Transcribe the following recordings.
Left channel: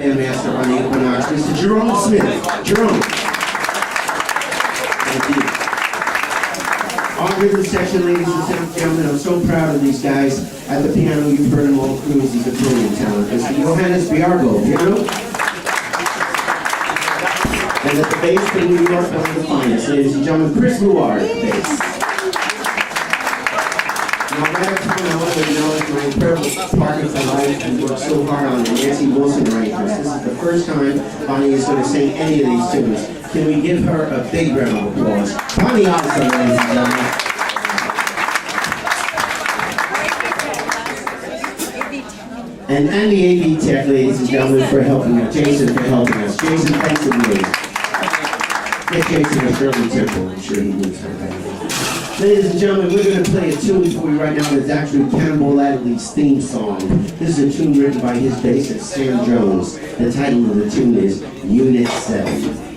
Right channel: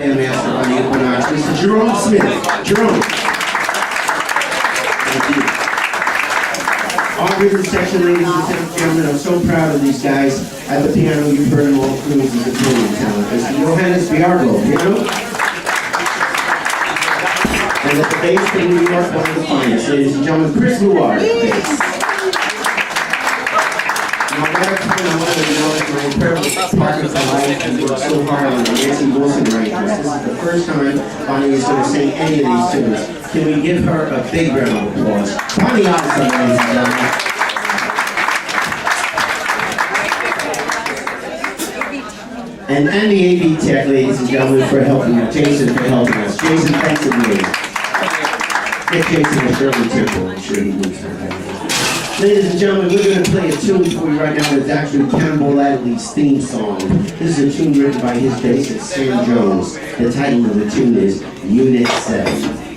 Master on the Equinox, Mr. Jerome Smith. Jerome. Thank you. All rhythm section, ladies and gentlemen, I'm so proud of these guys. At the piano, you've heard them all through. He's a brilliant talent. Mr. Johannes Bjerregaard, piano. And at the bass from New York, one of the finest. Ladies and gentlemen, Chris Luard, bass. Now, right up front, I want to acknowledge my incredible partner for life and worked so hard on the Nancy Wilson arrangements. This is the first time Bonnie is going to sing any of these tunes. Can we give her a big round of applause? Bonnie Eisele, ladies and gentlemen. And the AV Tech, ladies and gentlemen, for helping us. Jason for helping us. Jason, thanks a million. Get Jason a Shirley Temple. I'm sure he needs her. Ladies and gentlemen, we're going to play a tune for you right now that's actually Cannonball Adderley's theme song. This is a tune written by his bassist, Sam Jones. The title of the tune is Unit 7.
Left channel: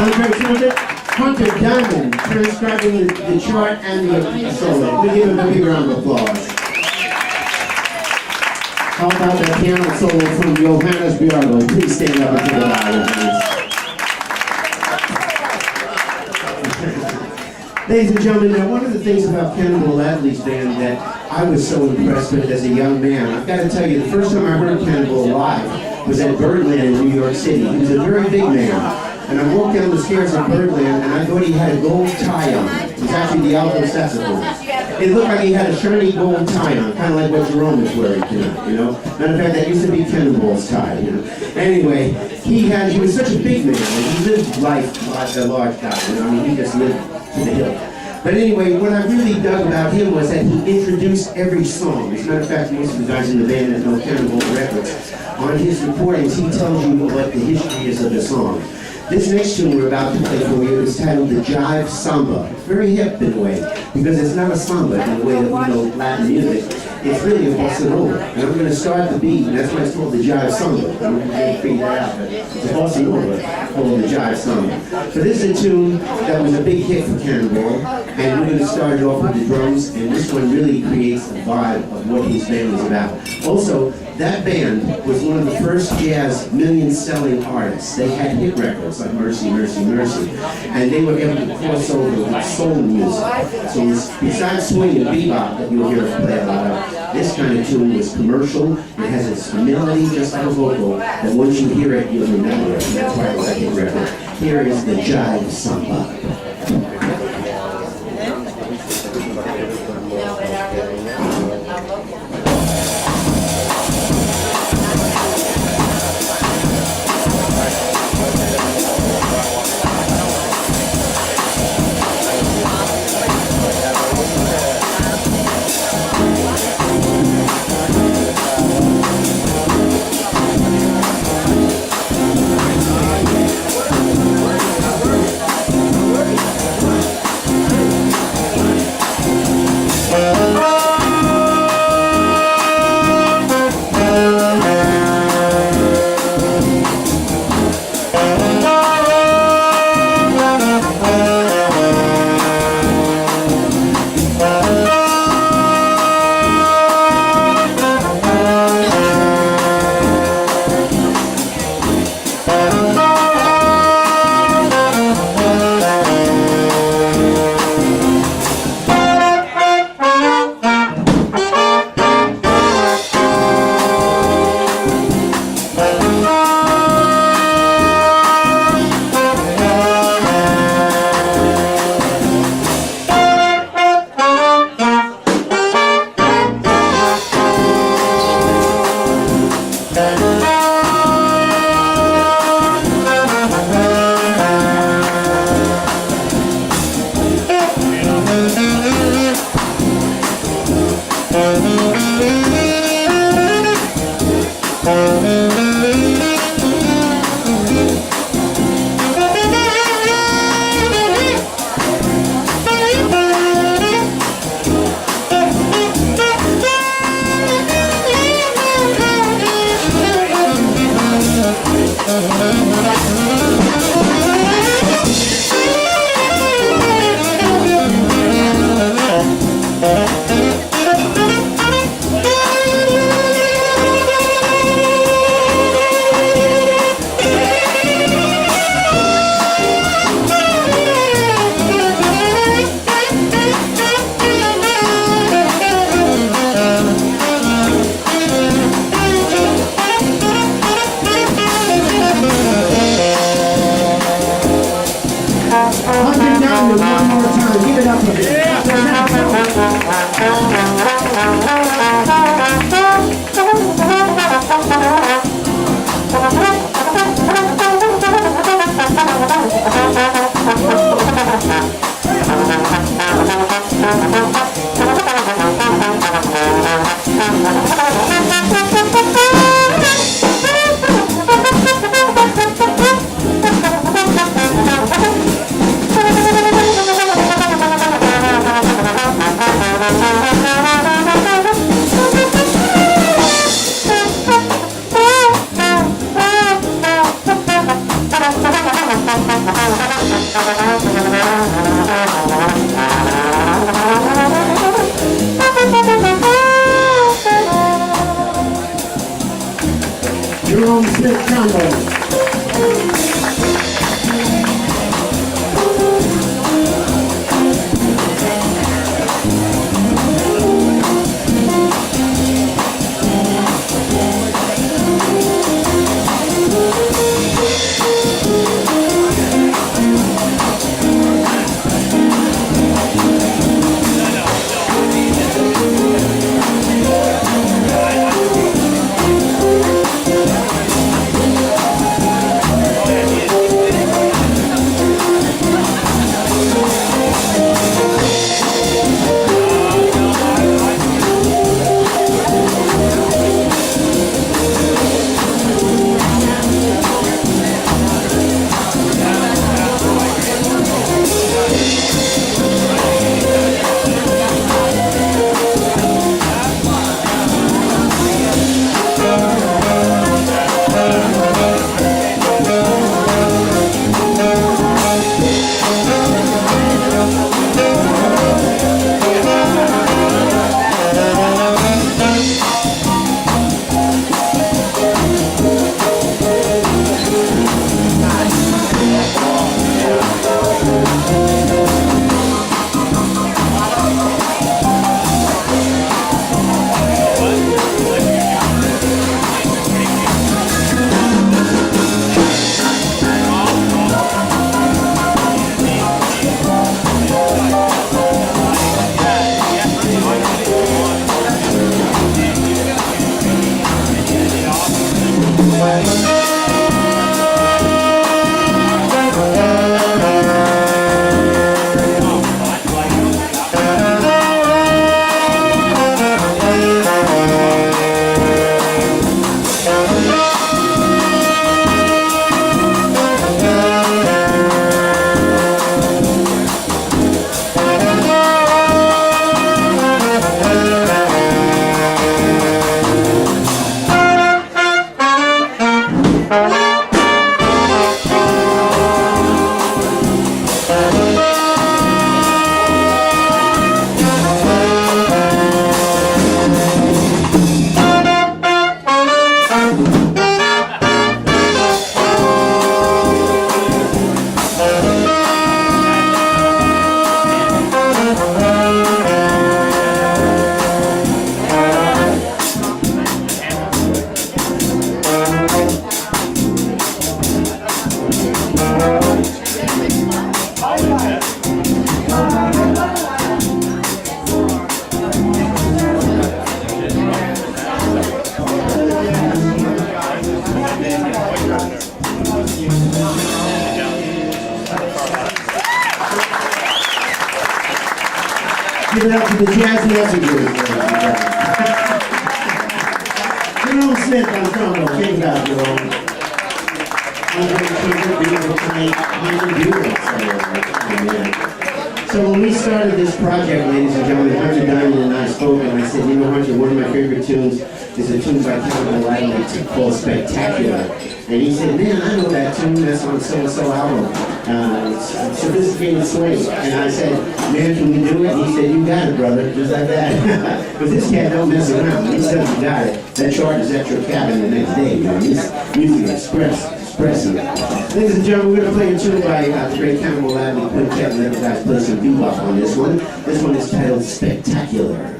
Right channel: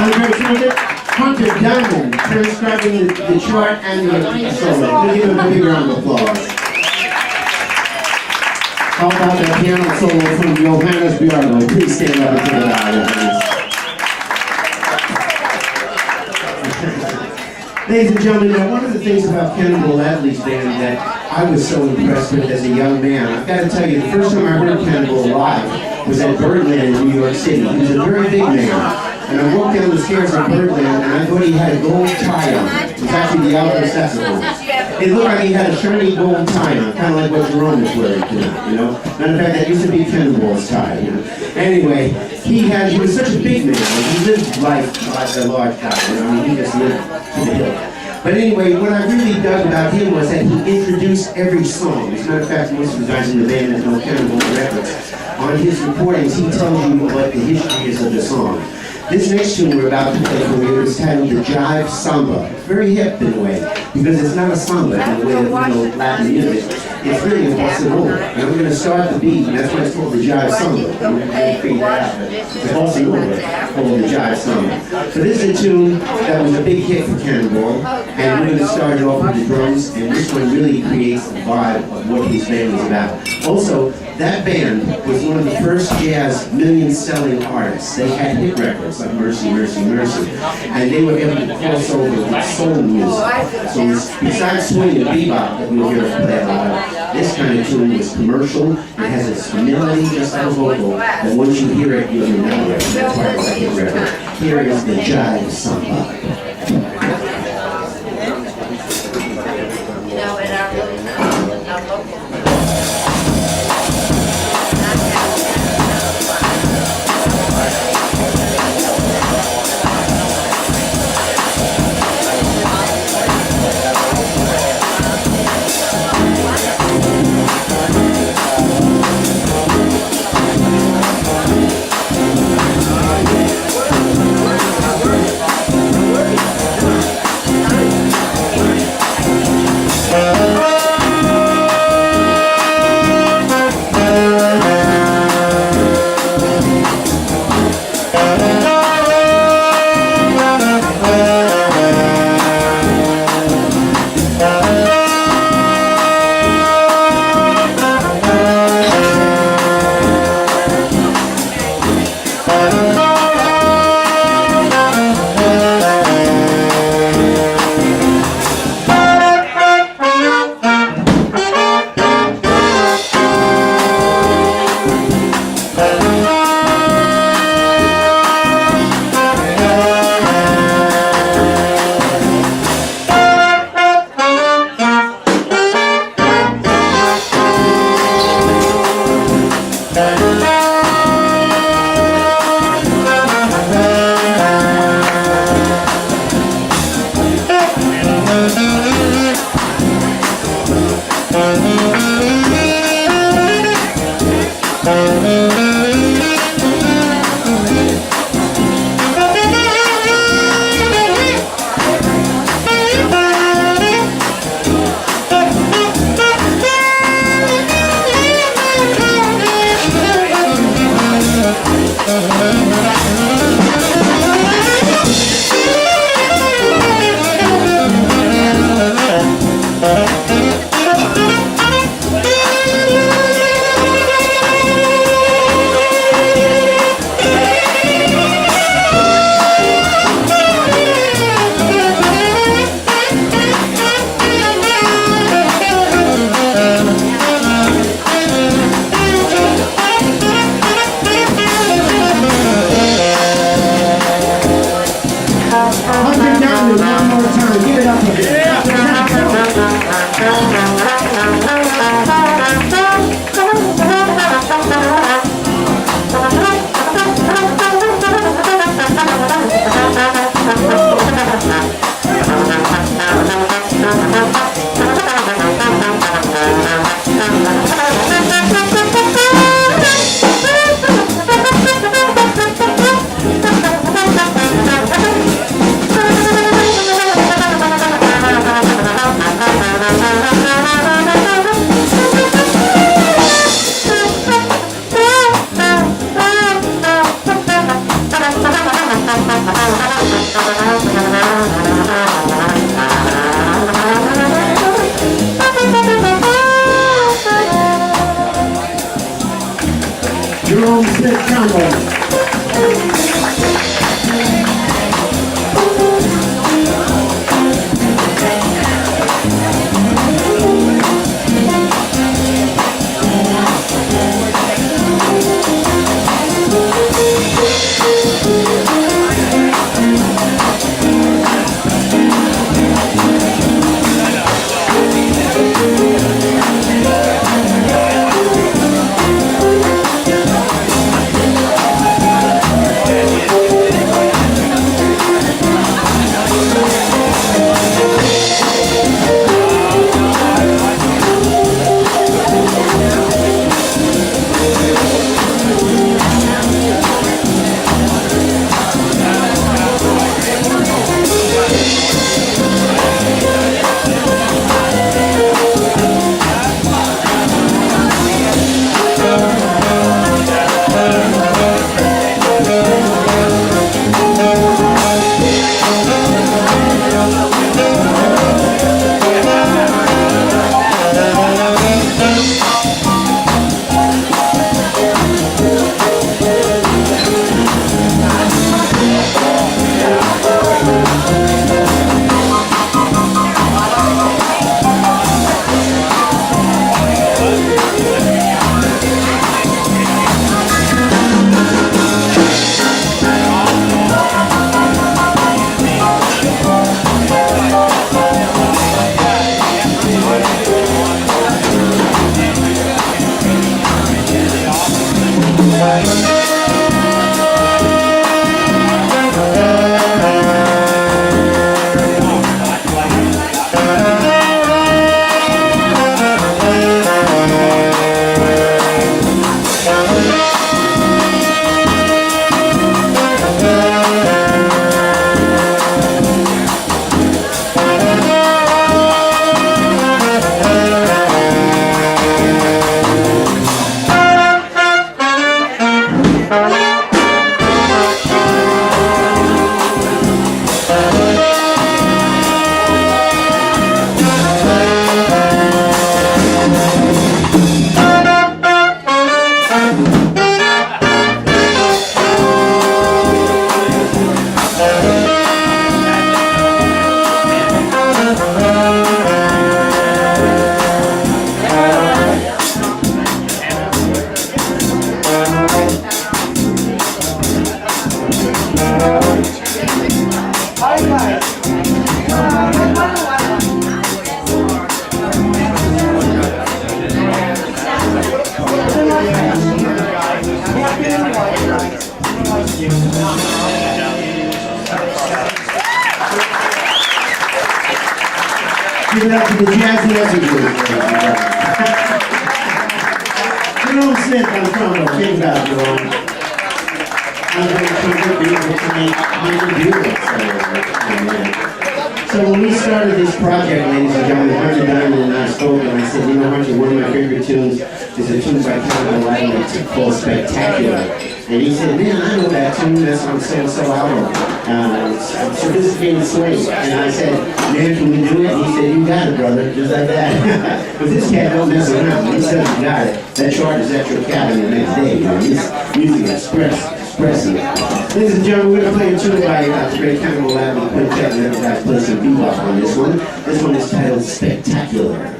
Andreii Trumpet, Hunter Diamond, transcribing the chart and the solo. We give him a big round of applause. How about that piano solo from Johannes Bjerregaard? Please stand up and take it out, Johannes. Ladies and gentlemen, now one of the things about Cannonball Adderley's band that I was so impressed with as a young man, I've got to tell you, the first time I heard Cannonball live was at Birdland in New York City. He was a very big man. And I walked down the stairs at Birdland and I thought he had a gold tie on. It was actually the Alto saxophone. It looked like he had a shiny gold tie on, kind of like what Jerome is wearing tonight, you know? Matter of fact, that used to be Cannonball's tie, you know? Anyway, he was such a big man. He lived life like a large guy, you know? I mean, he just lived to the hill. But anyway, what I really dug about him was that he introduced every song. As a matter of fact, most of the guys in the band that know Cannonball records, on his recordings, he tells you what the history is of the song. This next tune we're about to play for you is titled the Jive Samba. It's very hip in a way, because it's not a samba in the way that we know Latin music. It's really a bossa nova. And I'm going to start the beat, and that's why it's called the Jive Samba. I'm going to figure that out, but it's a bossa nova called the Jive Samba. So this is a tune that was a big hit for Cannonball, and we're going to start it off with the drums, and this one really creates the vibe of what his band is about. Also, that band was one of the first jazz million-selling artists. They had hit records like Mercy, Mercy, Mercy, and they were able to cross over with soul music. So besides swing and bebop that you'll hear us play a lot of, this kind of tune was commercial. It has a melody just like a vocal, and once you hear it, you'll remember it. That's why it's like a hit record. Here is the Jive Samba. Jerome Smith Trombone. Give it up to the Jazz Messengers. Jerome Smith on trombone. Check it out, Jerome. Andreii Trumpet, beautiful tonight. So when we started this project, ladies and gentlemen, Hunter Diamond and I spoke, and I said, you know, Hunter, one of my favorite tunes is a tune by Cannonball Adderley called Spectacular. And he said, man, I know that tune, that's on So-So album. It's Sophisticated Swing. And I said, man, can we do it? He said, you got it, brother, just like that. But this cat don't mess around. He says you got it. That chart is at your cabin the next day. You know, he's music expressive. Ladies and gentlemen, we're going to play a tune by the great Cannonball Adderley Quintet. Let you guys play some bebop on this one. This one is titled Spectacular.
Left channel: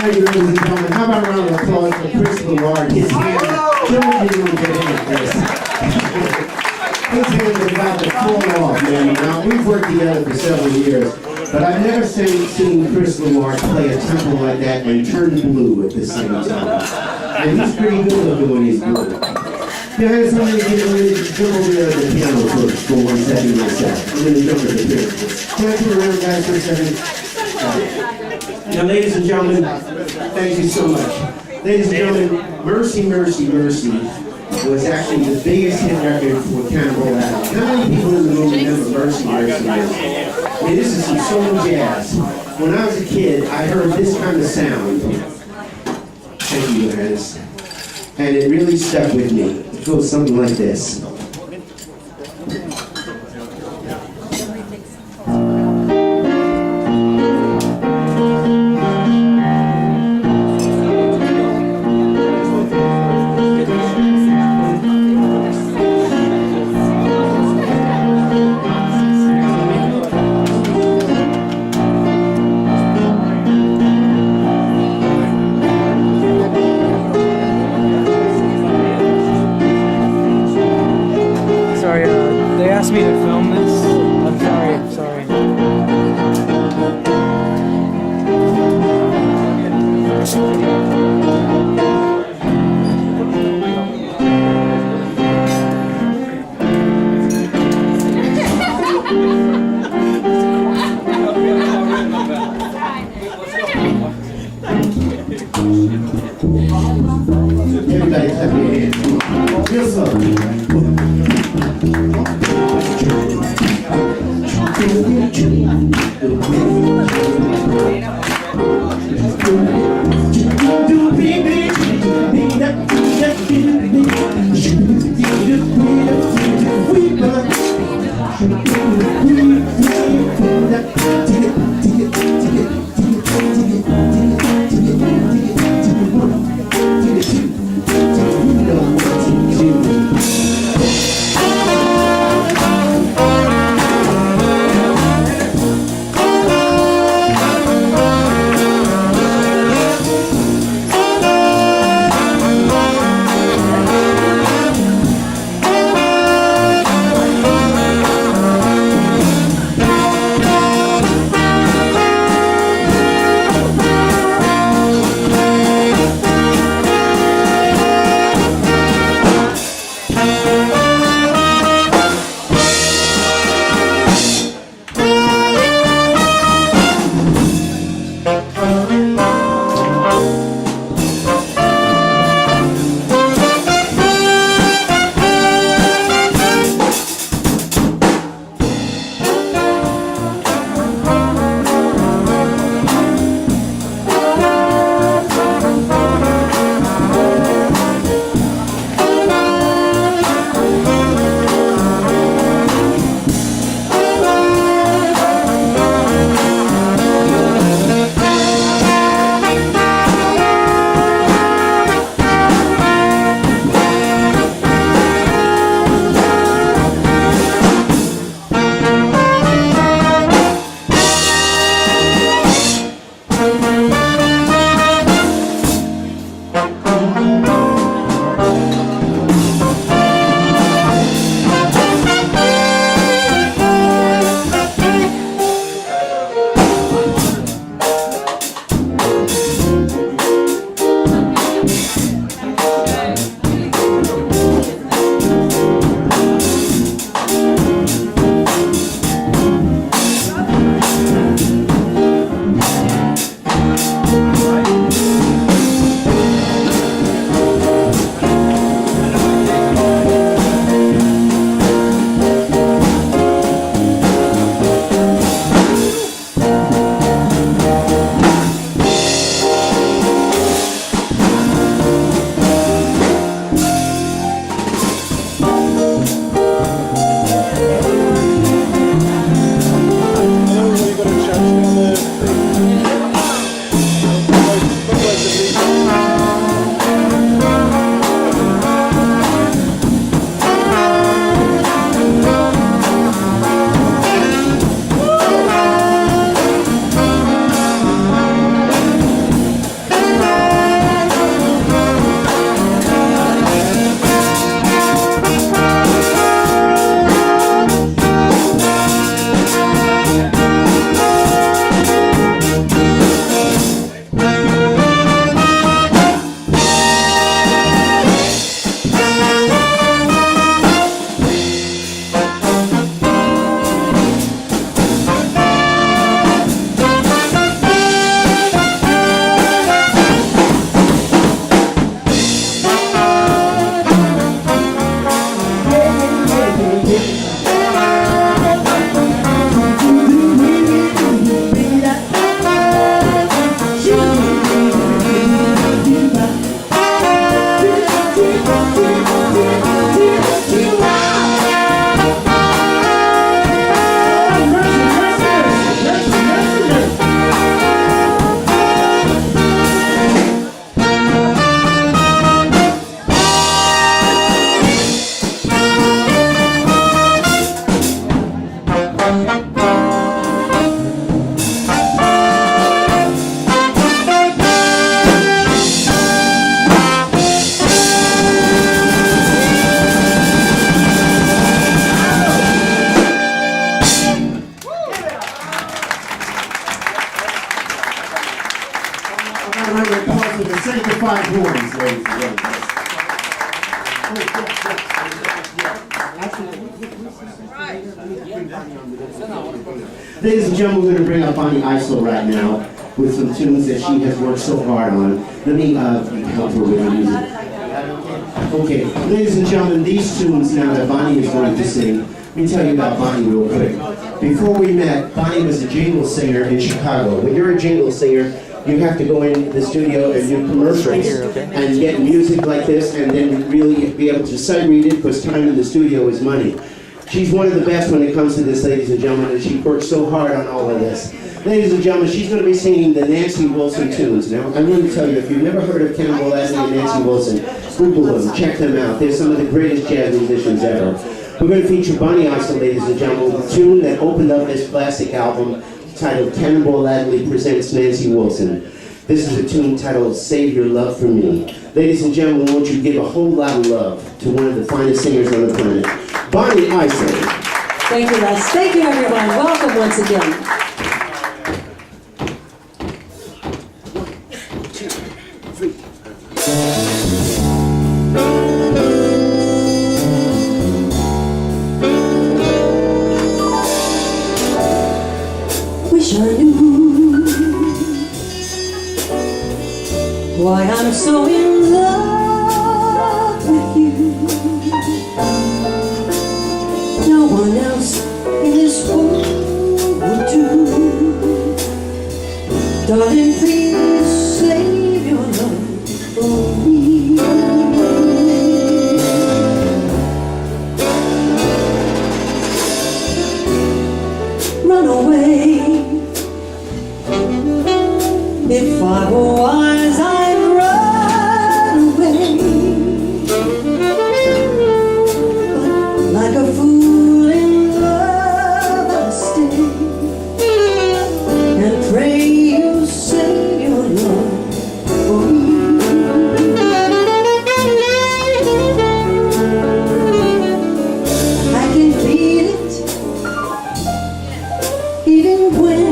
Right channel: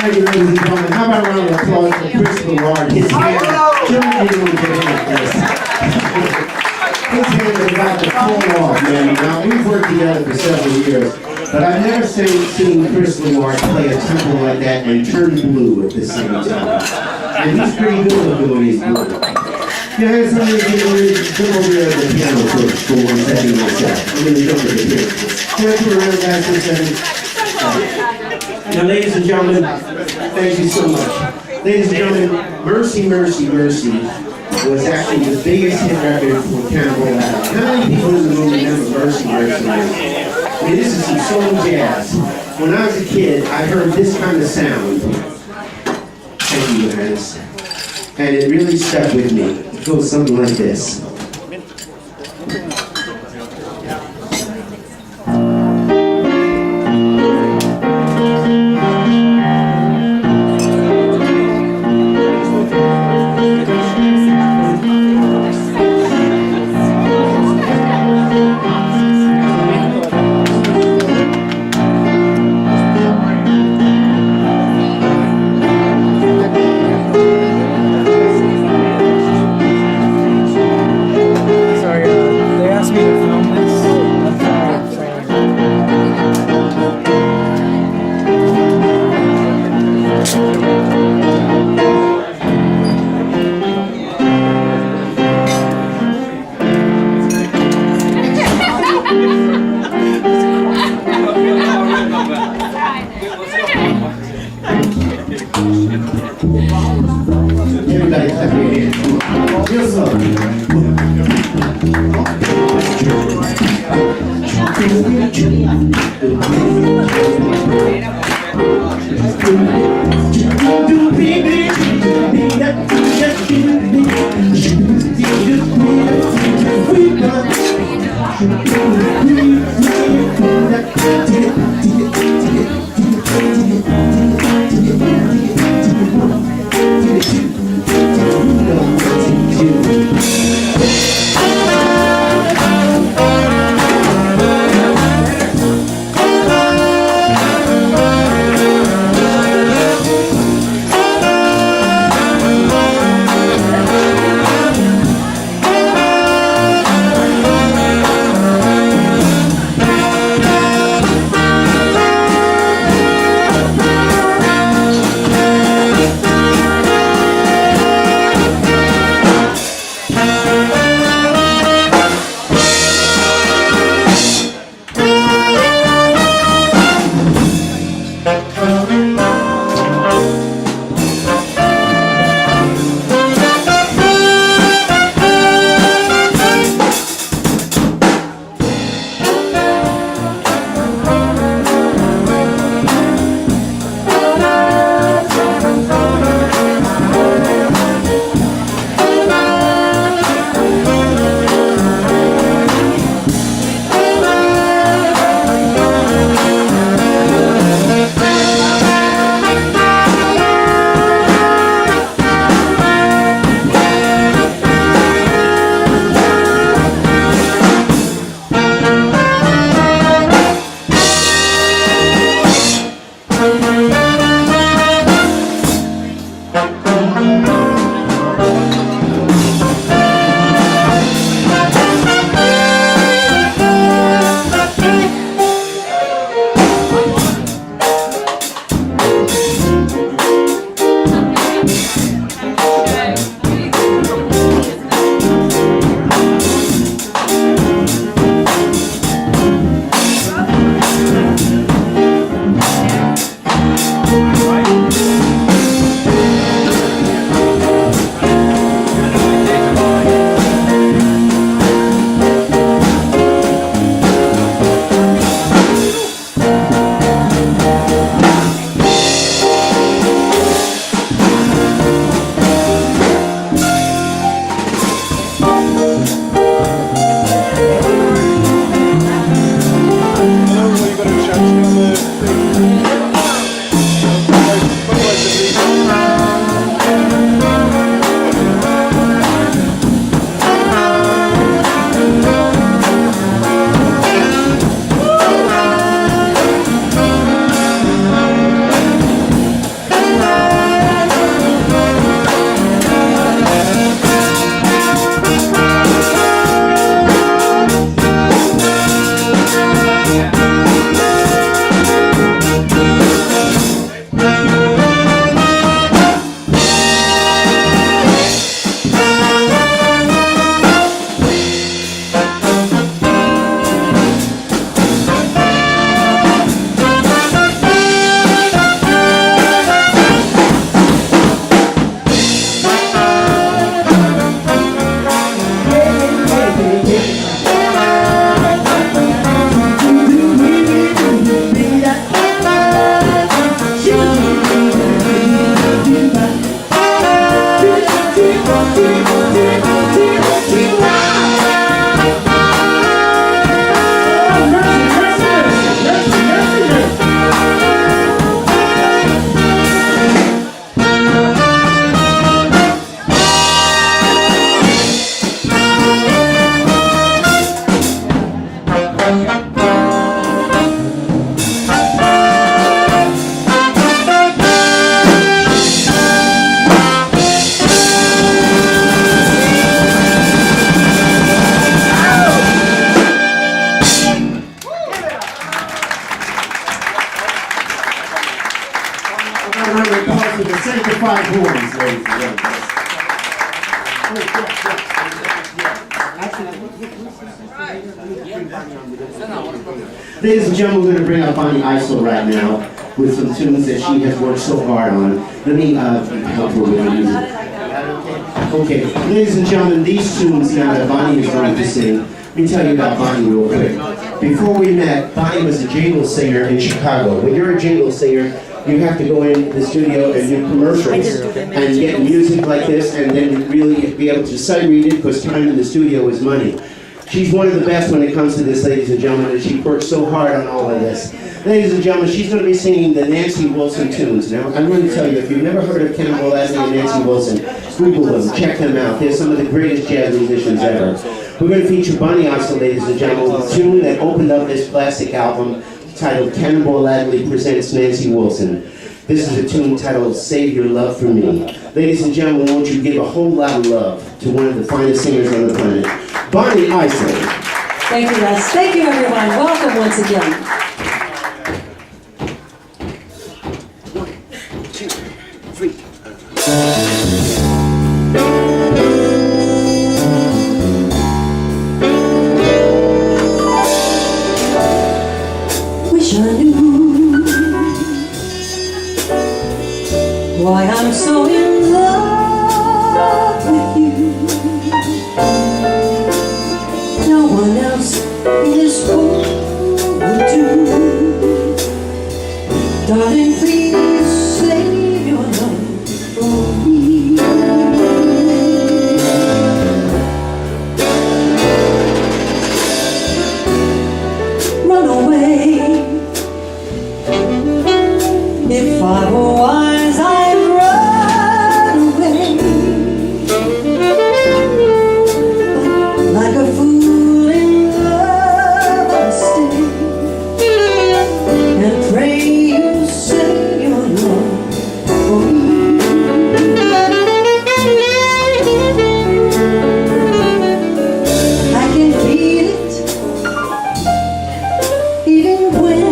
Thank you, ladies and gentlemen. How about a round of applause for Chris Luard? His hand, Jerome didn't even get in at this. His hand is about to fall off, man. Now, we've worked together for several years, but I've never seen Chris Luard play a tempo like that and turn blue at the same time. And he's pretty good looking when he's blue. Johannes, I'm going to get over there at the piano first for 1 second myself. I'm going to jump at the piano. Can I turn around, guys, for a second? Now, ladies and gentlemen, thank you so much. Ladies and gentlemen, Mercy, Mercy, Mercy was actually the biggest hit record for Cannonball Adderley. How many people in the room remember Mercy, Mercy, Mercy? I mean, this is some soul jazz. When I was a kid, I heard this kind of sound. Thank you, Johannes. And it really stuck with me. It goes something like this. sanctified horns, ladies and gentlemen. Ladies and gentlemen, we're going to bring up on the Eisele right now with some tunes that she has worked so hard on. Let me help her with the music. Okay, ladies and gentlemen, these tunes now that Bonnie is going to sing, let me tell you about Bonnie real quick. Before we met, Bonnie was a jingle singer in Chicago. When you're a jingle singer, you have to go in the studio and do commercials and get music like this and then really be able to sight read it because time in the studio is money. She's one of the best when it comes to this, ladies and gentlemen, and she worked so hard on all of this. Ladies and gentlemen, she's going to be singing the Nancy Wilson tunes. Now, I'm going to tell you, if you've never heard of Cannonball Adderley and Nancy Wilson, Google them, check them out. They're some of the greatest jazz musicians ever. We're going to feature Bonnie Eisele, ladies and gentlemen, with a tune that opened up this classic album titled Cannonball Adderley Presents Nancy Wilson. This is a tune titled Save Your Love for Me. Ladies and gentlemen, won't you give a whole lot of love to one of the finest singers on the planet, Bonnie Eisele. Thank you, Les. Thank you, everyone. Welcome once again. 1, 2, 3. Wish I knew why I'm so in love with you. No one else in this world would do. Darling, please save your love for me. Run away. If I were wise, I'd run away. But like a fool in love, I stay and pray you save your love for me. I can feel it even when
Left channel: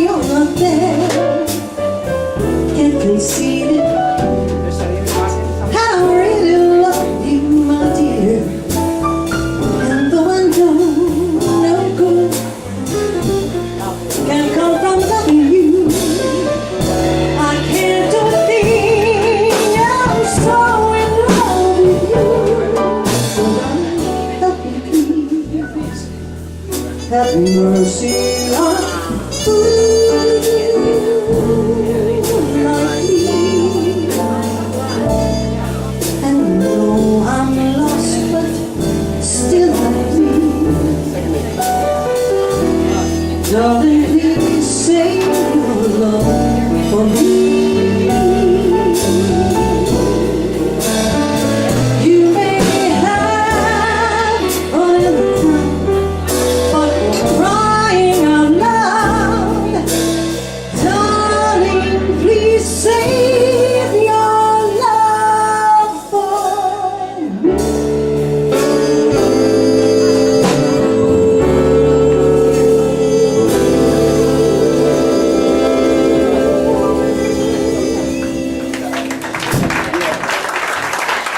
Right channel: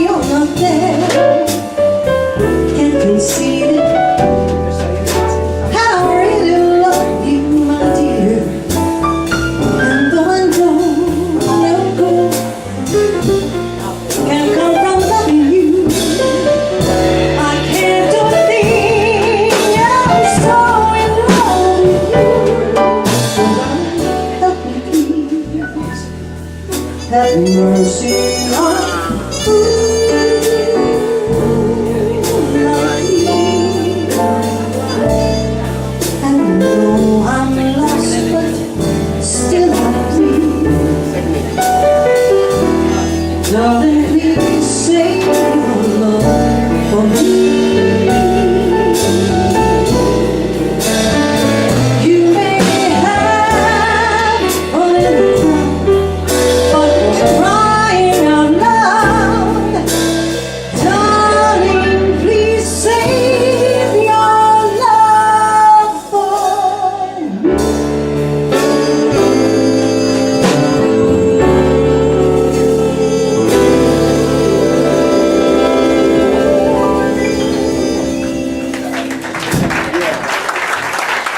you're not there. Can't conceal it. I really love you, my dear. And though I know no good can come from loving you, I can't do a thing. I'm so in love with you. So help me, please. Have mercy on darling, please save your love for me. You may have a little cry, but crying out loud, darling, please save your love for me.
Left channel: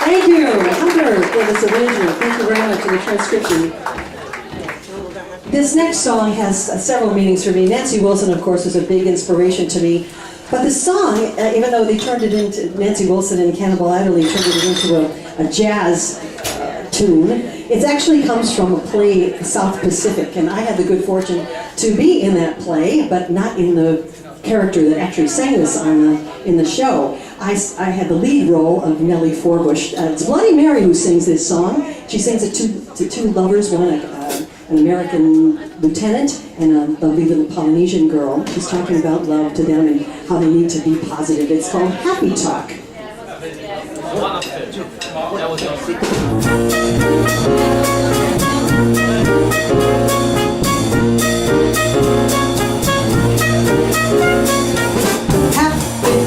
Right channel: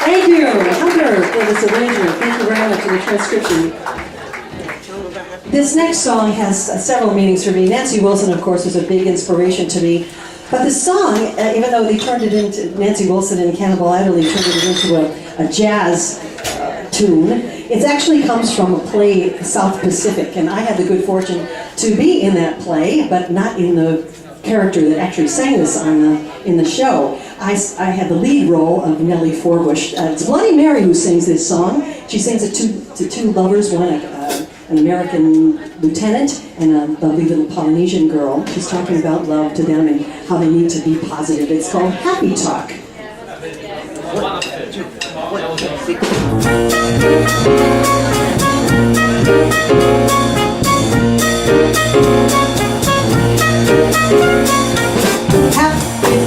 Thank you, Hunter, for this arrangement. Thank you very much for the transcription. This next song has several meanings for me. Nancy Wilson, of course, was a big inspiration to me. But the song, even though they turned it into, Nancy Wilson and Cannonball Adderley turned it into a jazz tune, it actually comes from a play, South Pacific. And I had the good fortune to be in that play, but not in the character that actually sang this in the show. I had the lead role of Nellie Forbush. It's Bloody Mary who sings this song. She sings it to two lovers, one an American lieutenant and a lovely little Polynesian girl. She's talking about love to them and how they need to be positive. It's called Happy Talk.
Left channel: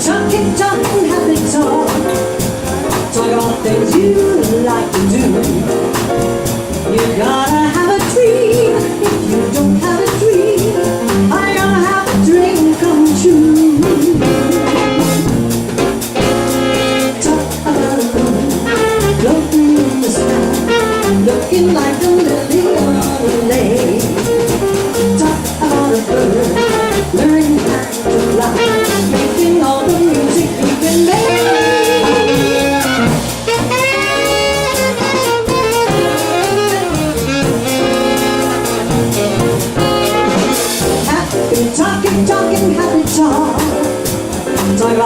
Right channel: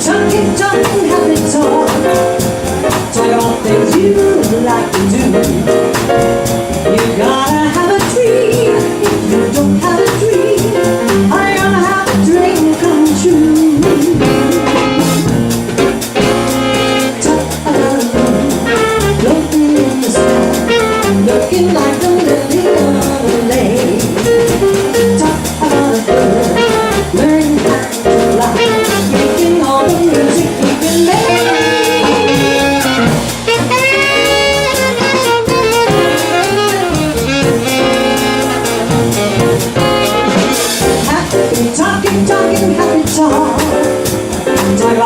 Happy talk, happy talk. Talk all things you like to do. You gotta have a dream. If you don't have a dream, I'm gonna have a dream come true. Talk about love,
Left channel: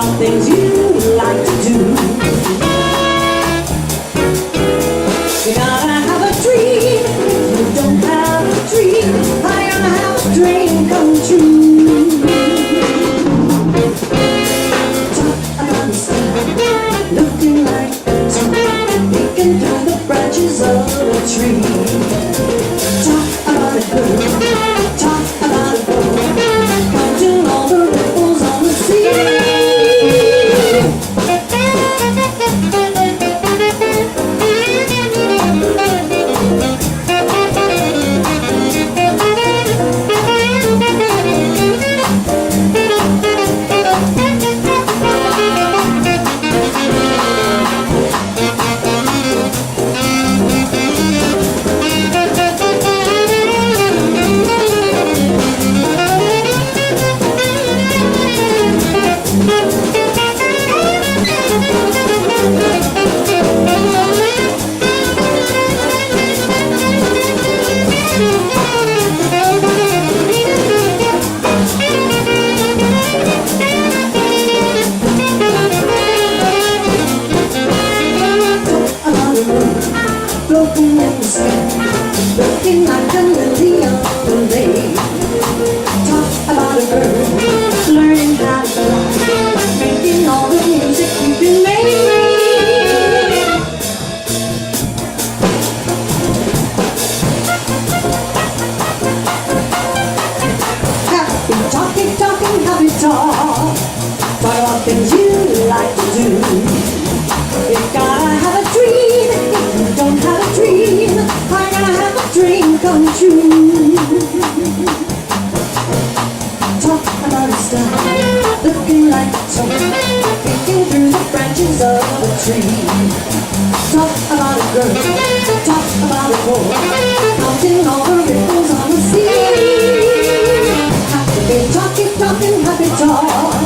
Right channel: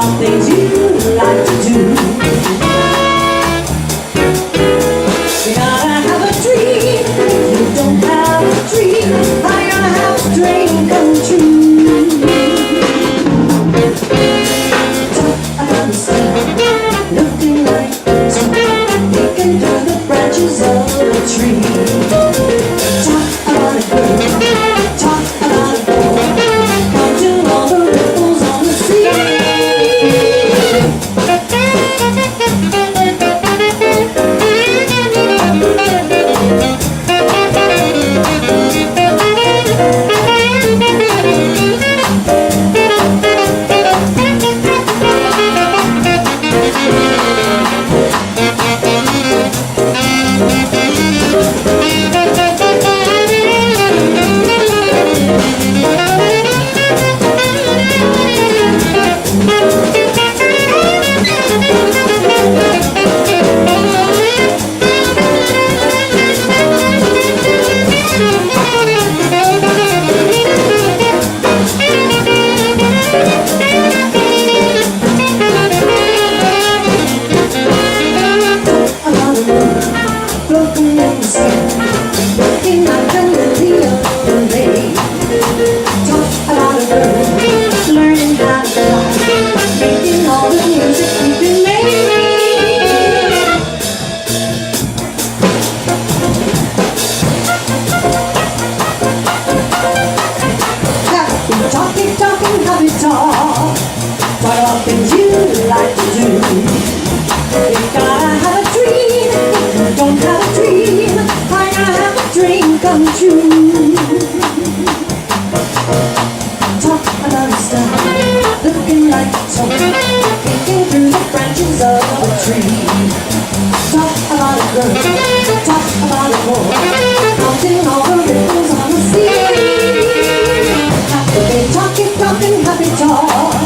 about things you like to do. You gotta have a dream. If you don't have a dream, how you gonna have a dream come true? Talk about the sun, looking like the sun, peeking through the branches of a tree. Talk about a girl, talk about a boy, counting all the ripples on the sea. Things you like to do. You gotta have a dream. If you don't have a dream, how you gonna have a dream come true? Talk about a star, looking like a top, peeking through the branches of a tree. Talk about a girl, talk about a boy, counting all the ripples on the sea. Happy talking, talking, happy talk.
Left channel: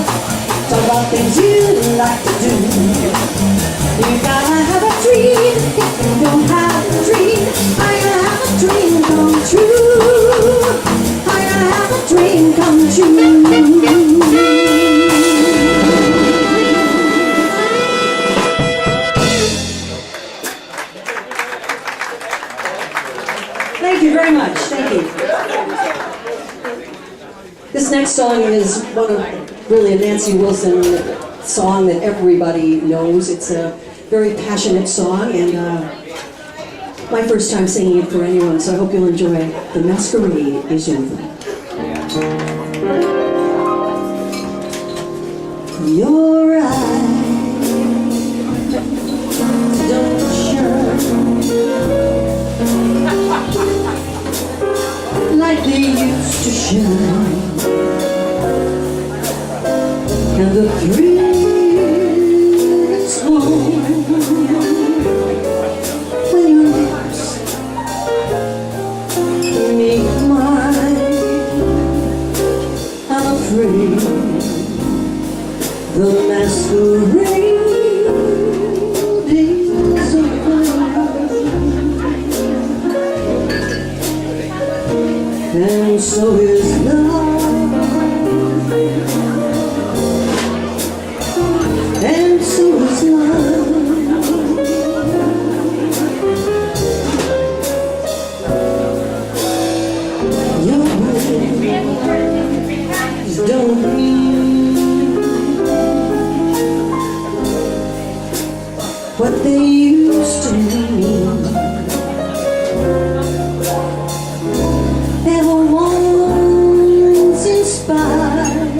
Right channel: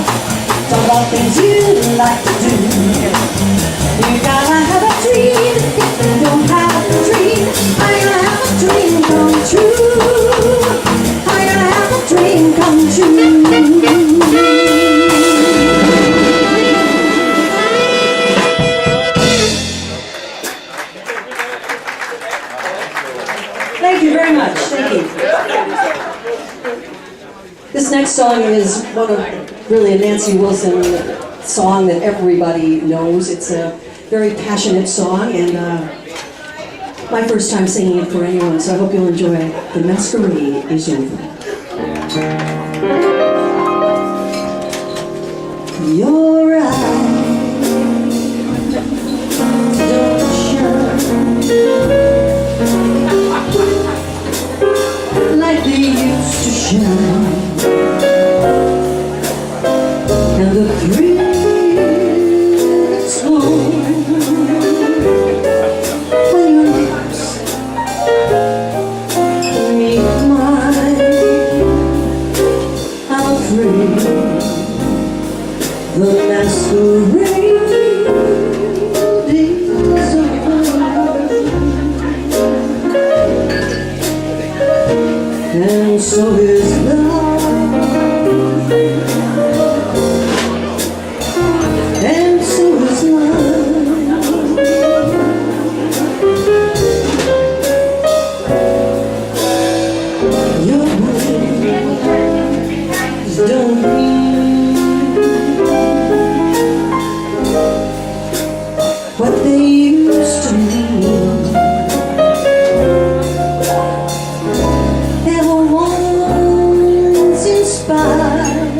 Talk about things you like to do. You gotta have a dream. If you don't have a dream, how you gonna have a dream come true? How you gonna have a dream come true? Thank you very much. Thank you. This next song is one of really a Nancy Wilson song that everybody knows. It's a very passionate song, and my first time singing it for anyone, so I hope you'll enjoy it. The Masquerade Is Over. Your eyes don't shine like they used to shine. And the thrill is gone when your lips meet mine. I'm afraid the masquerade is over, and so is love. And so is love. Your words don't mean what they used to mean. They were once inspired,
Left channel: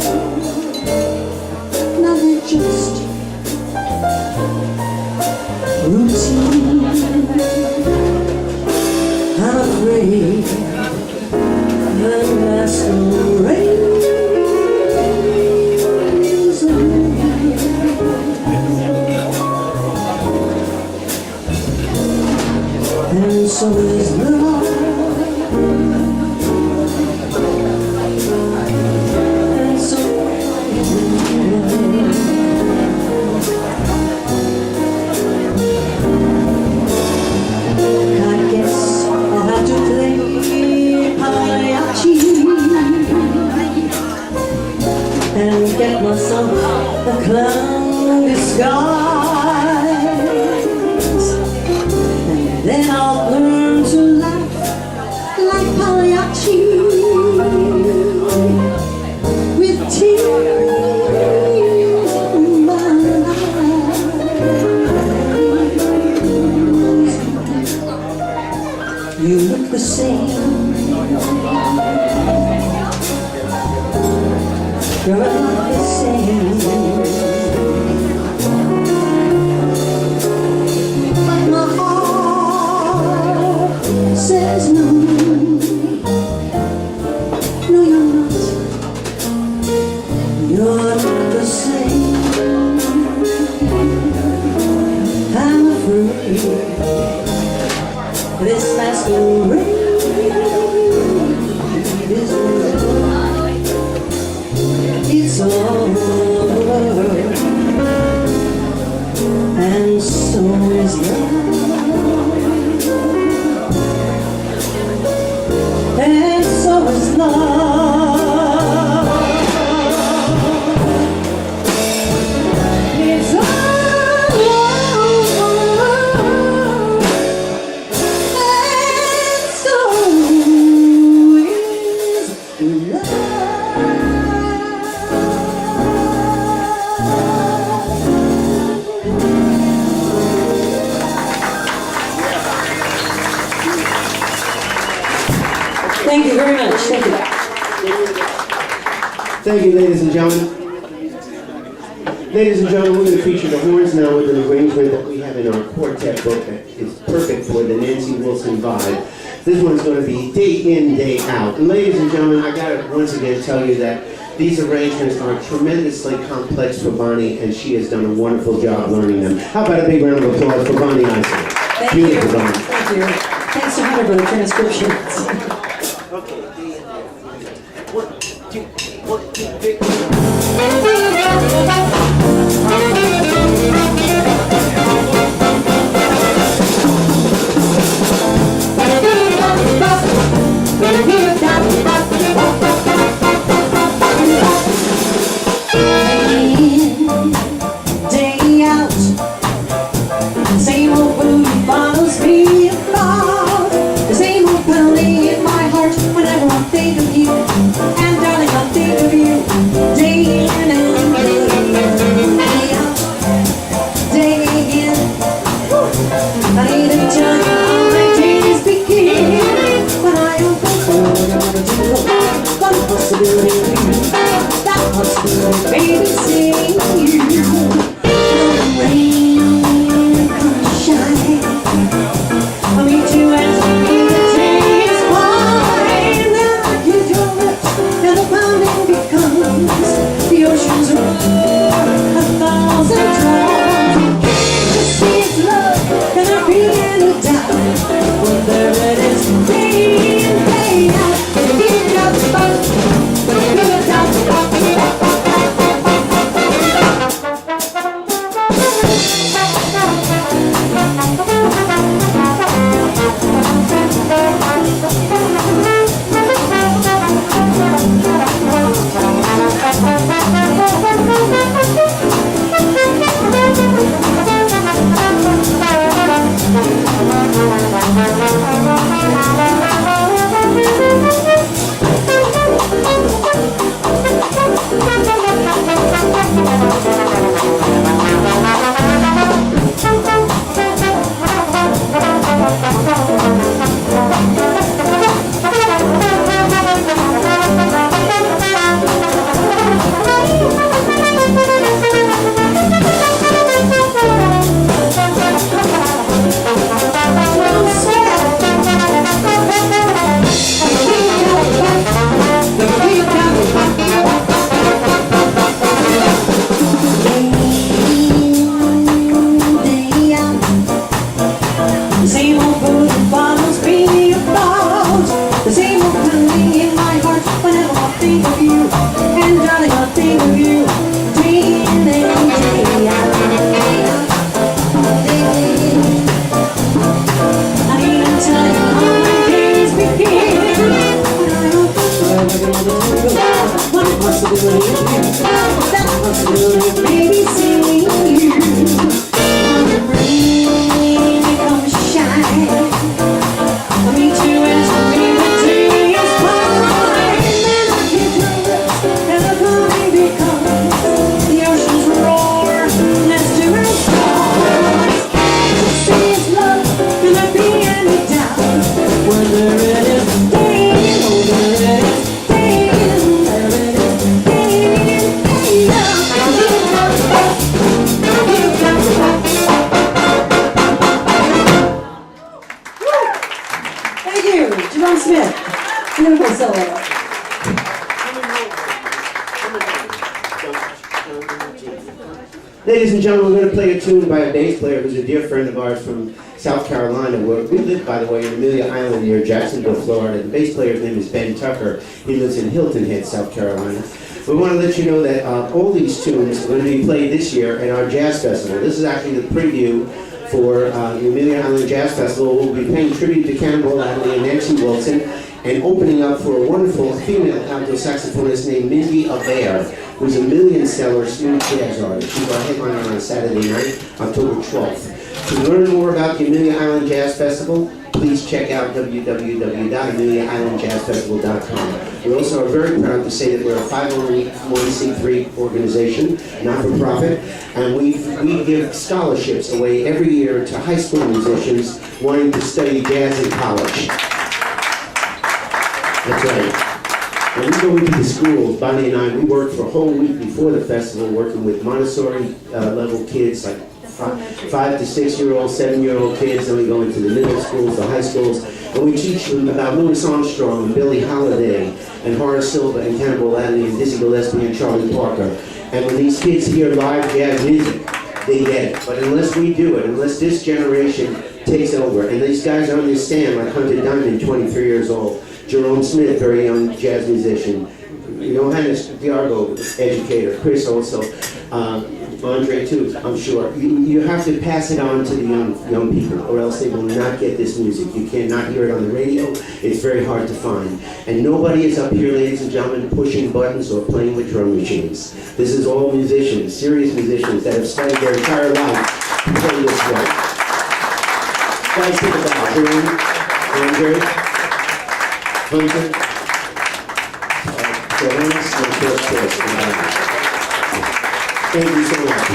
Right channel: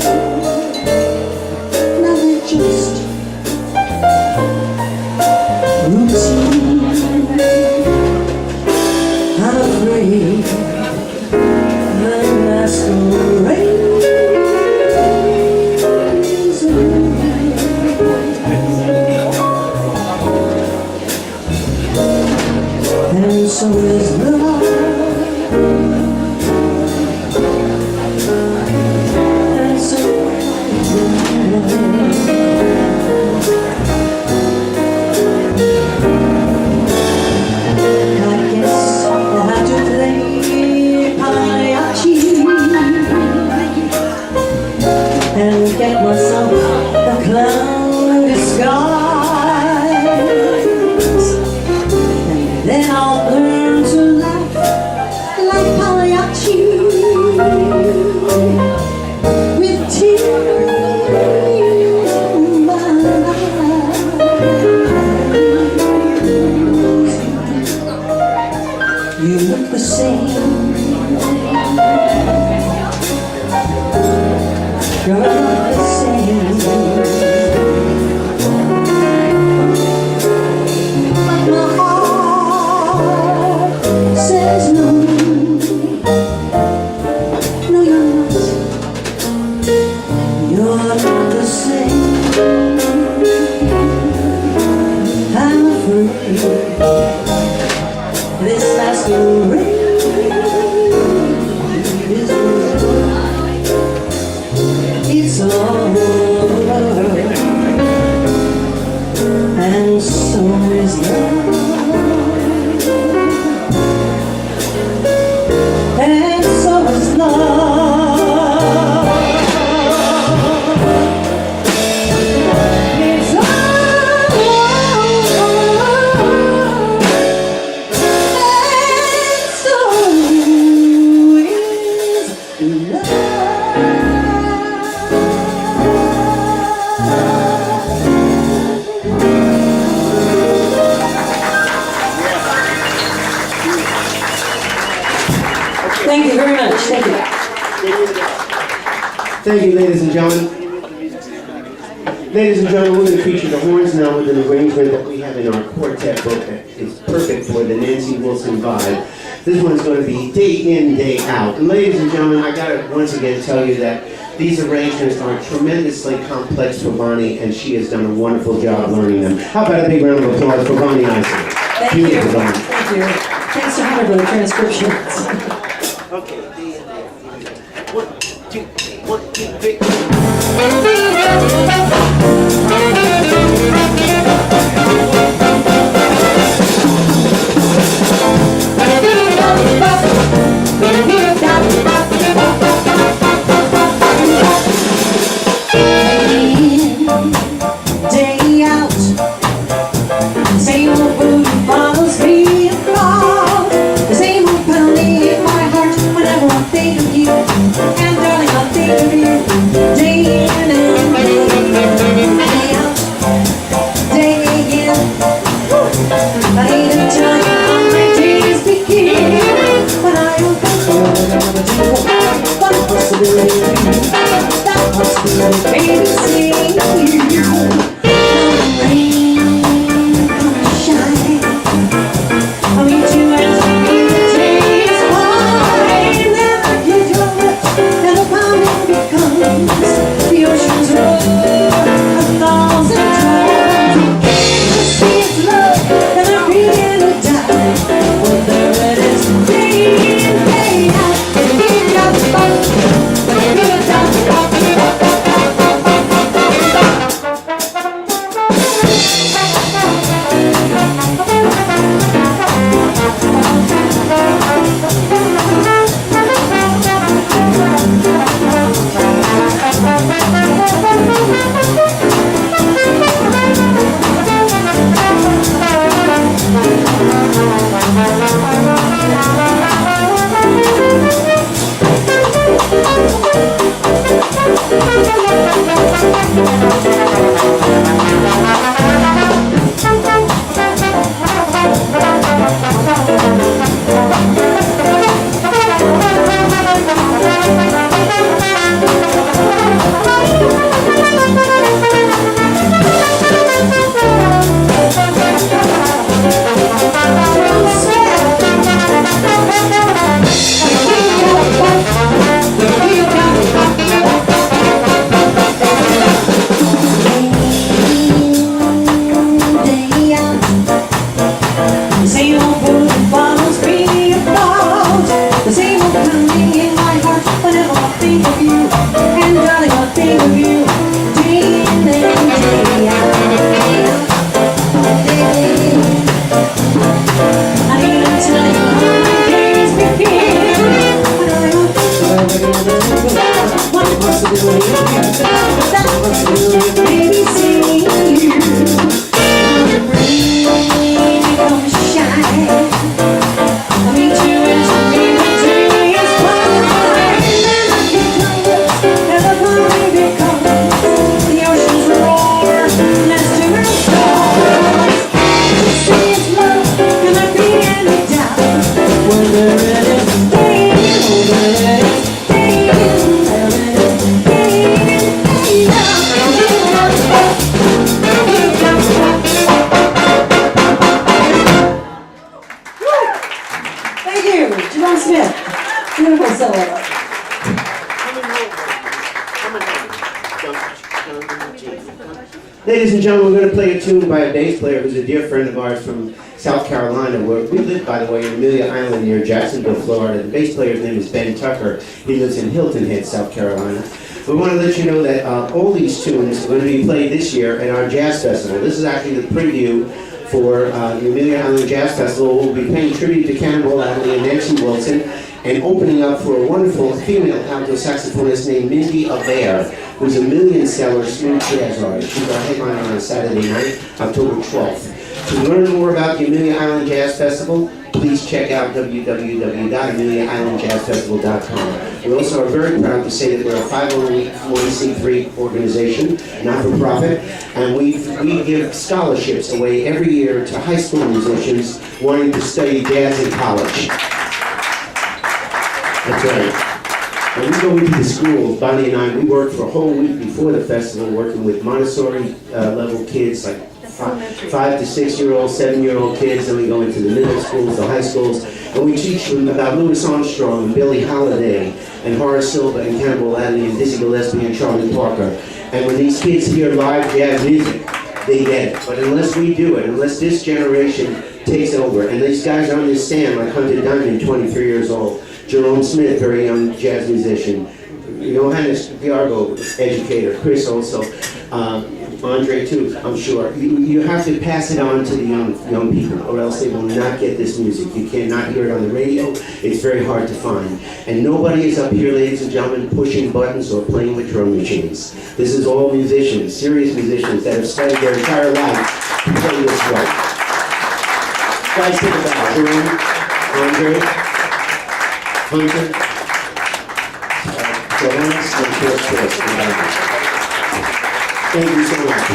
now they're just routine. I'm afraid the masquerade is over, and so is love. And so is love. I guess I'll have to play mariachi and get myself a clown You look the same. You're not the same. But my heart says no. No, you're not. You're not the same. I'm afraid this masquerade is over. It's over, and so is love, and so is love. It's Thank you very much. Thank you. Thank you, ladies and gentlemen. Ladies and gentlemen, we're going to feature the horns now with an arrangement that we have in our quartet book that is perfect for the Nancy Wilson vibe. This one's going to be day in, day out. And ladies and gentlemen, I got to once again tell you that these arrangements are tremendously complex for Bonnie, and she has done a wonderful job learning them. How about a big round of applause for Bonnie Eisele? Thank you. Thank you. Thanks to Hunter for the transcriptions. Okay, day in, day out. 1, 2, 1, 2, 3. Day out, same old food follows me about. The same old penalty in my heart whenever I think of you. And darling, I think of you. Day in and day out, day in. I need to tell you how my days begin. When I open the door, one possibility, that possibility, baby, seeing you. Come rain, come shine. I'll meet you as the day is wide. Then I kiss your lips, and the pounding becomes the ocean's roar 1,000 times. To see its love, and there be any doubt. Well, there it is, day in, day out. Thank you, Jerome Smith. Beautiful solo. Ladies and gentlemen, we're going to play a tune by a bass player who's a dear friend of ours from South Carolina, where we live, by the way, in Amelia Island near Jacksonville, Florida. The bass player's name is Ben Tucker. He lives in Hilton Head, South Carolina. We want to let you know that all these tunes are going to be played this year at our Jazz Festival. This is actually the preview for the Amelia Island Jazz Festival. We'll be paying tribute to Cannonball Adderley and Nancy Wilson, and opening up for a wonderful female alto saxophonist named Mindy Abair, who's a million-seller smooth jazz artist. She's our headliner on Saturday night, October 12th. To learn more about the Amelia Island Jazz Festival, please check out www.ameliaislandjazzfestival.com. We also are very proud to say that we're a 501c3 organization, not-for-profit, and we give scholarships away every year to high school musicians wanting to study jazz in college. That's right. When we go into the schools, Bonnie and I, we work for a whole week before the festival, working with Montessori level kids, like 5 to 6 year old, 7-year-old kids, and we go into the middle schools, the high schools, and we teach them about Louis Armstrong and Billie Holiday and Horace Silver and Cannonball Adderley and Dizzy Gillespie and Charlie Parker. And when these kids hear live jazz music, they get it. But unless we do it, unless this generation takes over, and these guys on this stand, like Hunter Diamond, 23 years old, Jerome Smith, very young jazz musician, Johannes, Bjerregaard, educator, Chris also, Andreii too, I'm sure. You have to pass it on to the young people, or else they will not get this music. You cannot hear it on the radio. It's very hard to find. And nobody is up here, ladies and gentlemen, pushing buttons or playing with drum machines. This is all musicians, serious musicians that have studied their entire life to play this way. Guys, think about Jerome, Andreii, Hunter, Johannes, and Chris. Thank you so much.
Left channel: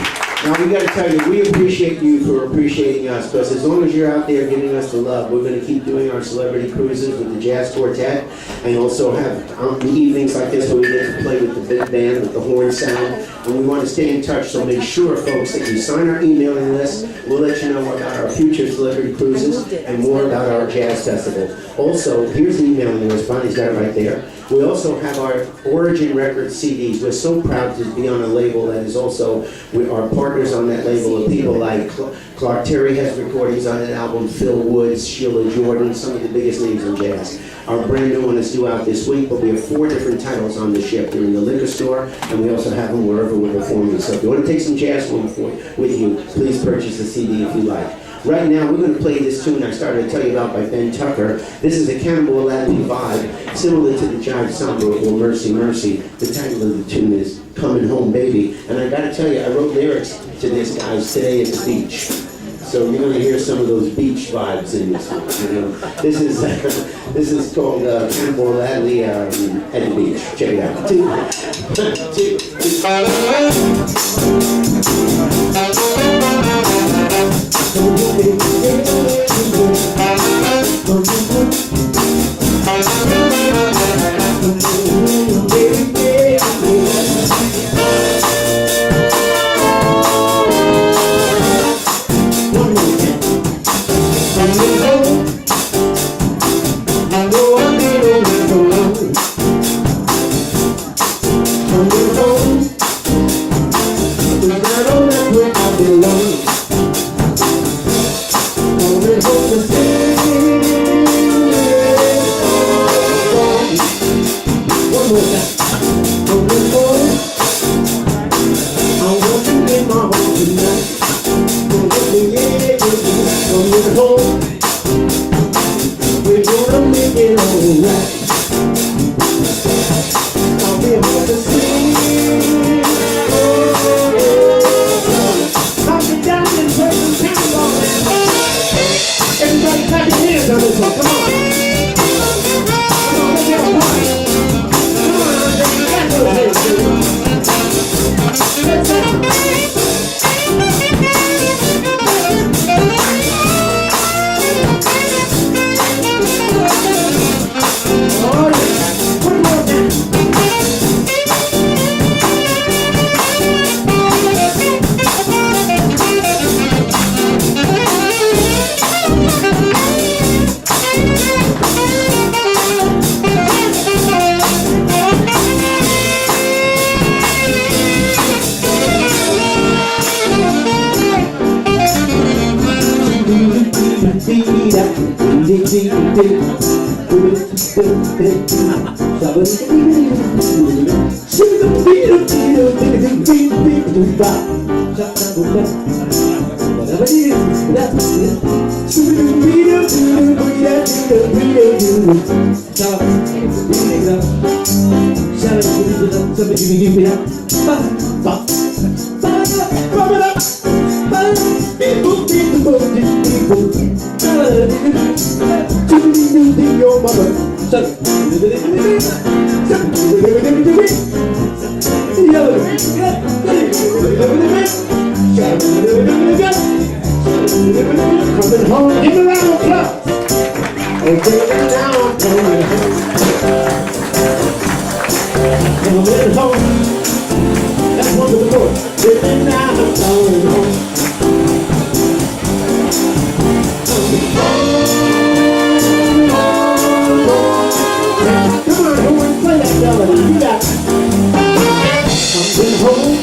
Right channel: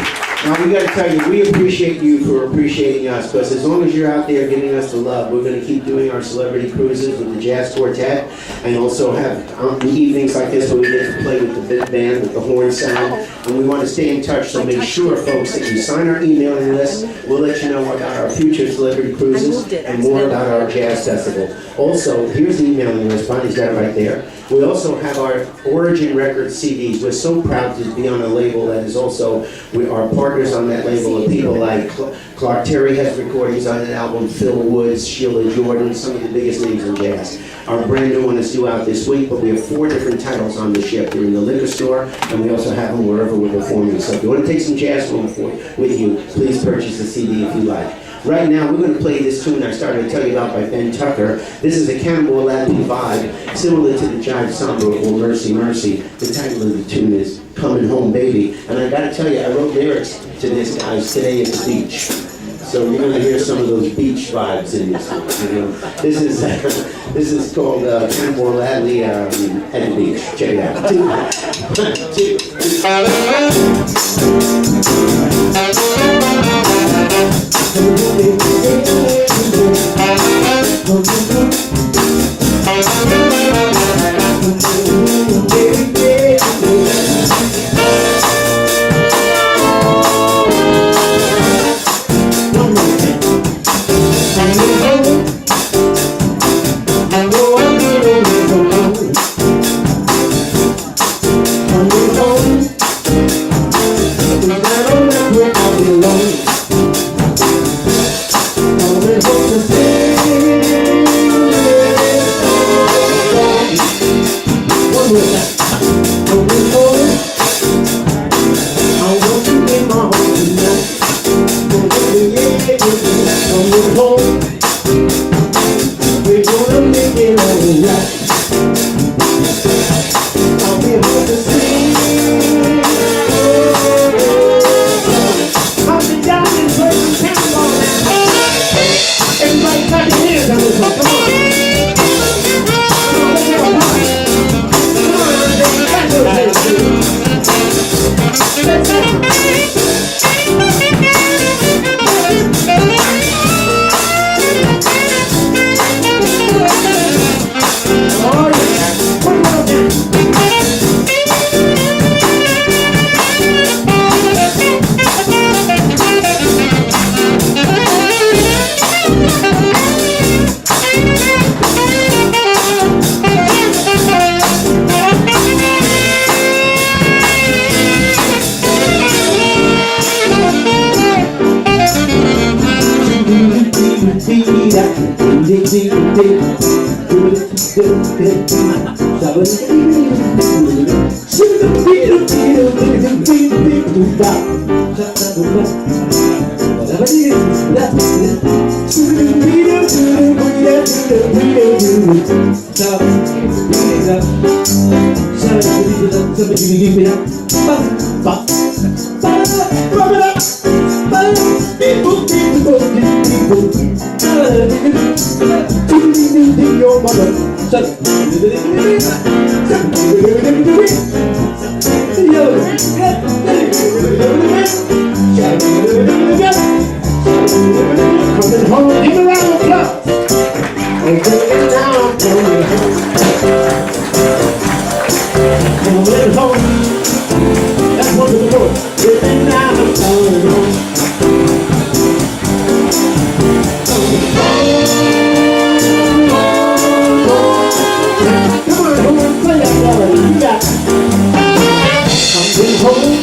Now we got to tell you, we appreciate you for appreciating us, because as long as you're out there giving us the love, we're going to keep doing our celebrity cruises with the Jazz Quartet, and also have evenings like this where we get to play with the big band, with the horn sound, and we want to stay in touch, so make sure, folks, that you sign our emailing list. We'll let you know about our future celebrity cruises and more about our Jazz Festival. Also, here's the emailing list. Bonnie's got it right there. We also have our Origin Records CDs. We're so proud to be on a label that is also, we are partners on that label of people like Clark Terry has recordings on that album, Phil Woods, Sheila Jordan, some of the biggest names in jazz. Our brand new one is due out this week, but we have 4 different titles on the ship. They're in the liquor store, and we also have them wherever we're performing. So if you want to take some jazz home with you, please purchase the CD if you like. Right now, we're going to play this tune I started to tell you about by Ben Tucker. This is a Cannonball Adderley vibe, similar to the Jive Samba or Mercy Mercy. The title of the tune is Comin' Home Baby. And I got to tell you, I wrote lyrics to this, guys, today at the beach. So you're going to hear some of those beach vibes in this one. You know? This is called Cannonball Adderley at the beach. Check it out. Coming home, Coming home, give me a round of applause. Oh, baby, now I'm coming home. Coming home. That's one of the chords. Baby, now I'm coming home. Come on, home, play that melody. You got it. Coming home.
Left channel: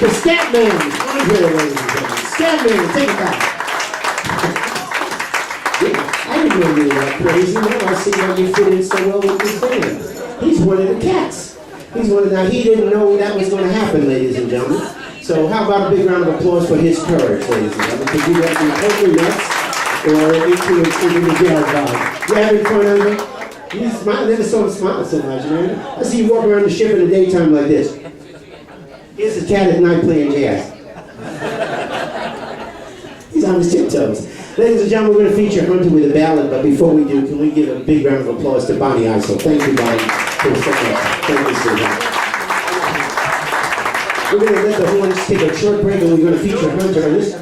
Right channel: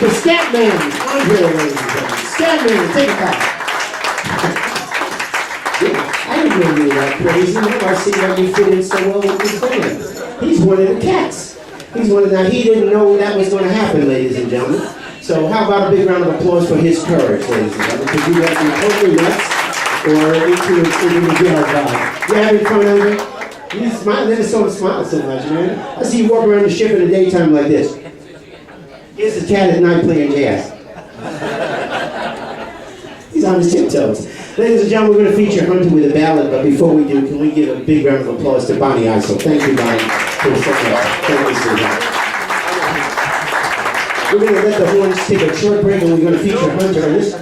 The Scatman, Andreii, ladies and gentlemen. Scatman, take it back. Yeah, I didn't know you were that crazy. Now I see how you fit in so well with this band. He's one of the cats. Now he didn't know that was going to happen, ladies and gentlemen. So how about a big round of applause for his courage, ladies and gentlemen? Because you got some totally nuts or into the Bjerregaard. You having fun, Andreii? He's smiling. Never saw him smile so much, man. I see you walk around the ship in the daytime like this. Here's a cat at night playing jazz. He's on his tiptoes. Ladies and gentlemen, we're going to feature Hunter with a ballad, but before we do, can we give a big round of applause to Bonnie Eisele? Thank you, Bonnie, for so much. Thank you so much. We're going to let the horns take a short break, and we're going to feature Hunter on this.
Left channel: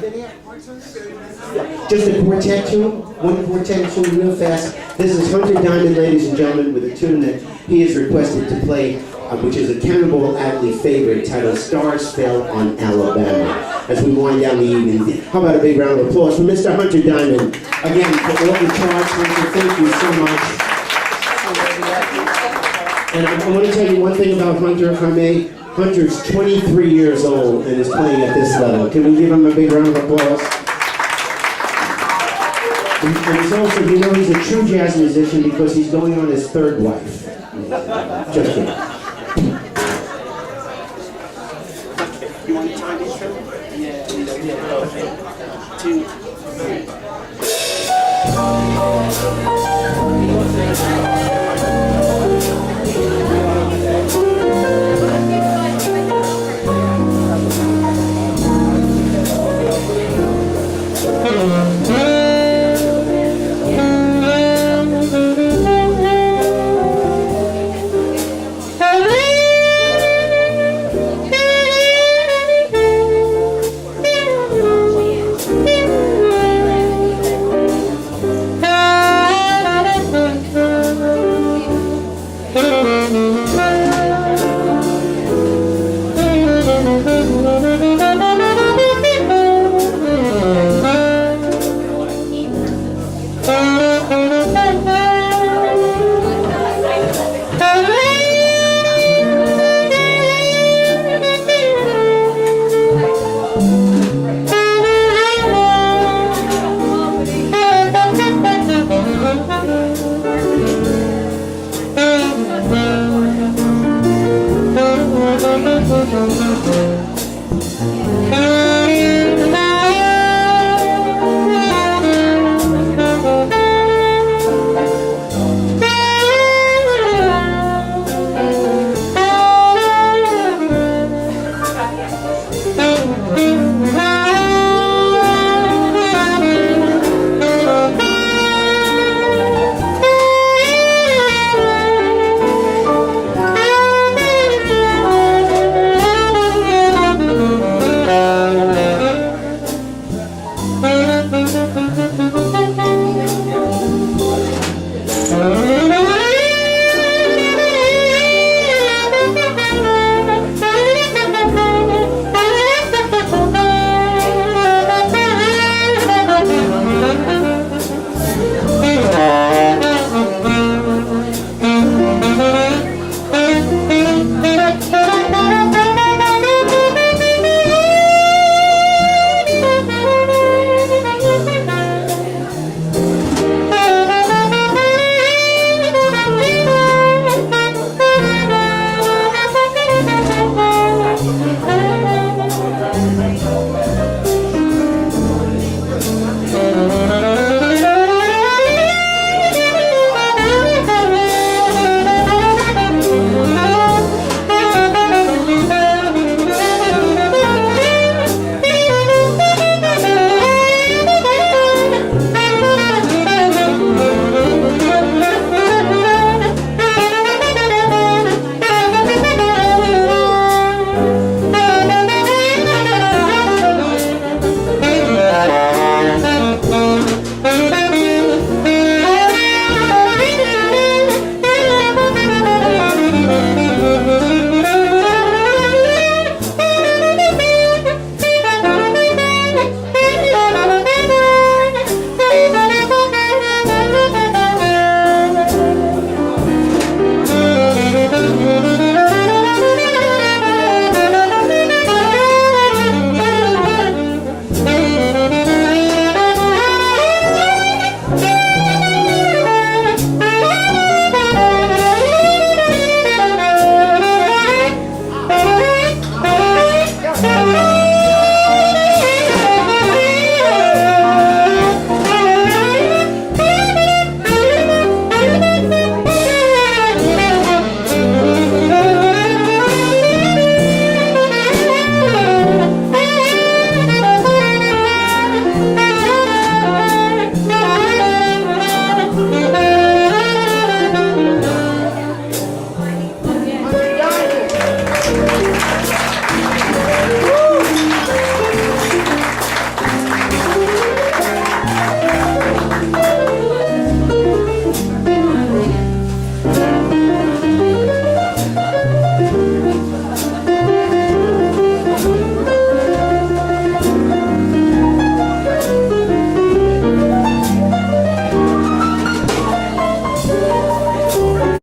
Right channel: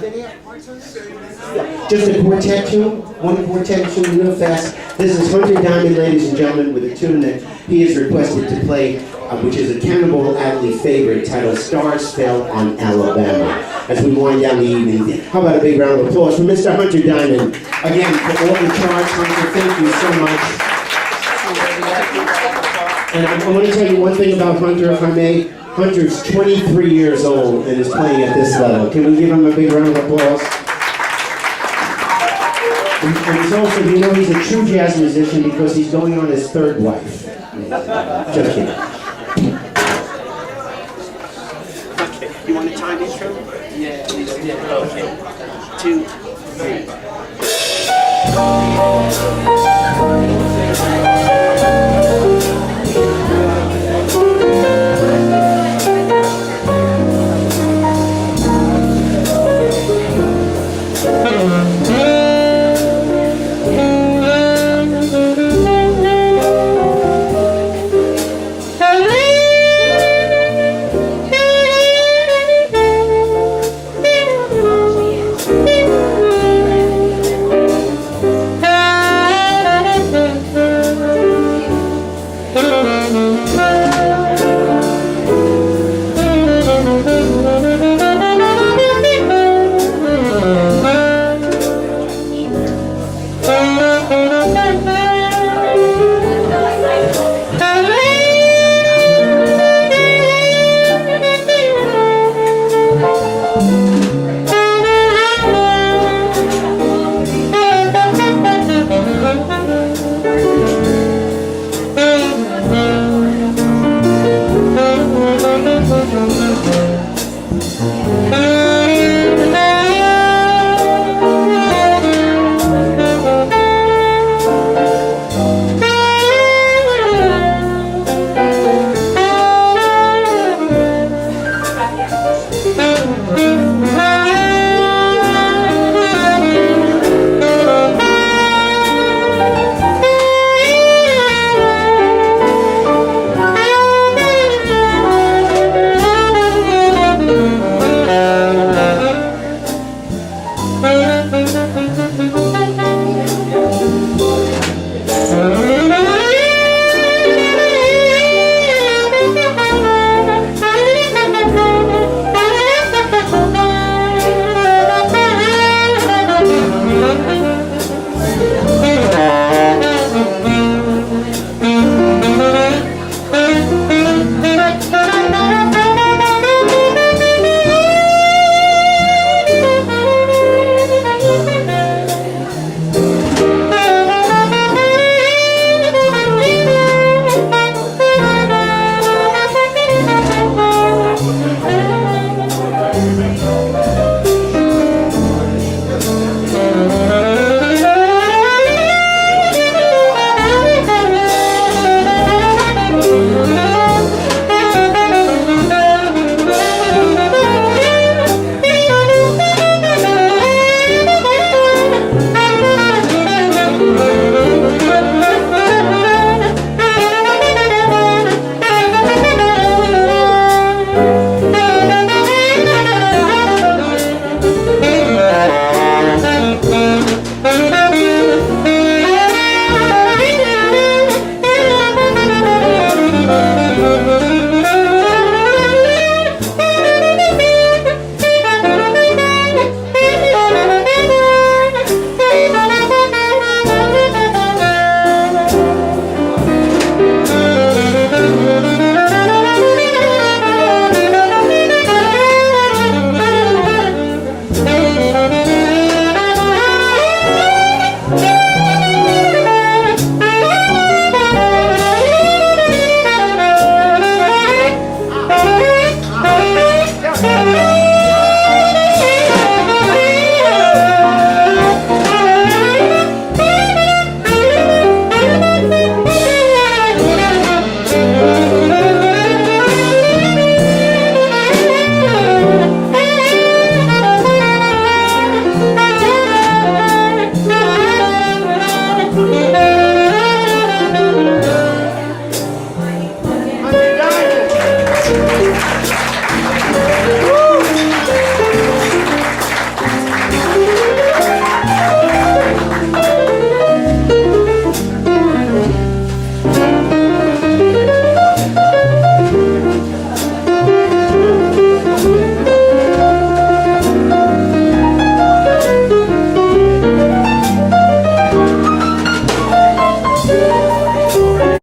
Just a quartet tune, one quartet tune real fast. This is Hunter Diamond, ladies and gentlemen, with a tune that he has requested to play, which is a Cannonball Adderley favorite titled Stars Fell on Alabama. As we wind down the evening, how about a big round of applause for Mr. Hunter Diamond. Again, for all the charts, Hunter, thank you so much. And I want to tell you one thing about Hunter, if I may. Hunter's 23 years old and is playing at this level. Can we give him a big round of applause? And he's also, you know, he's a true jazz musician because he's going on his third wife. Just kidding. Okay, you want a time intro? Yeah. Okay. 2, 3.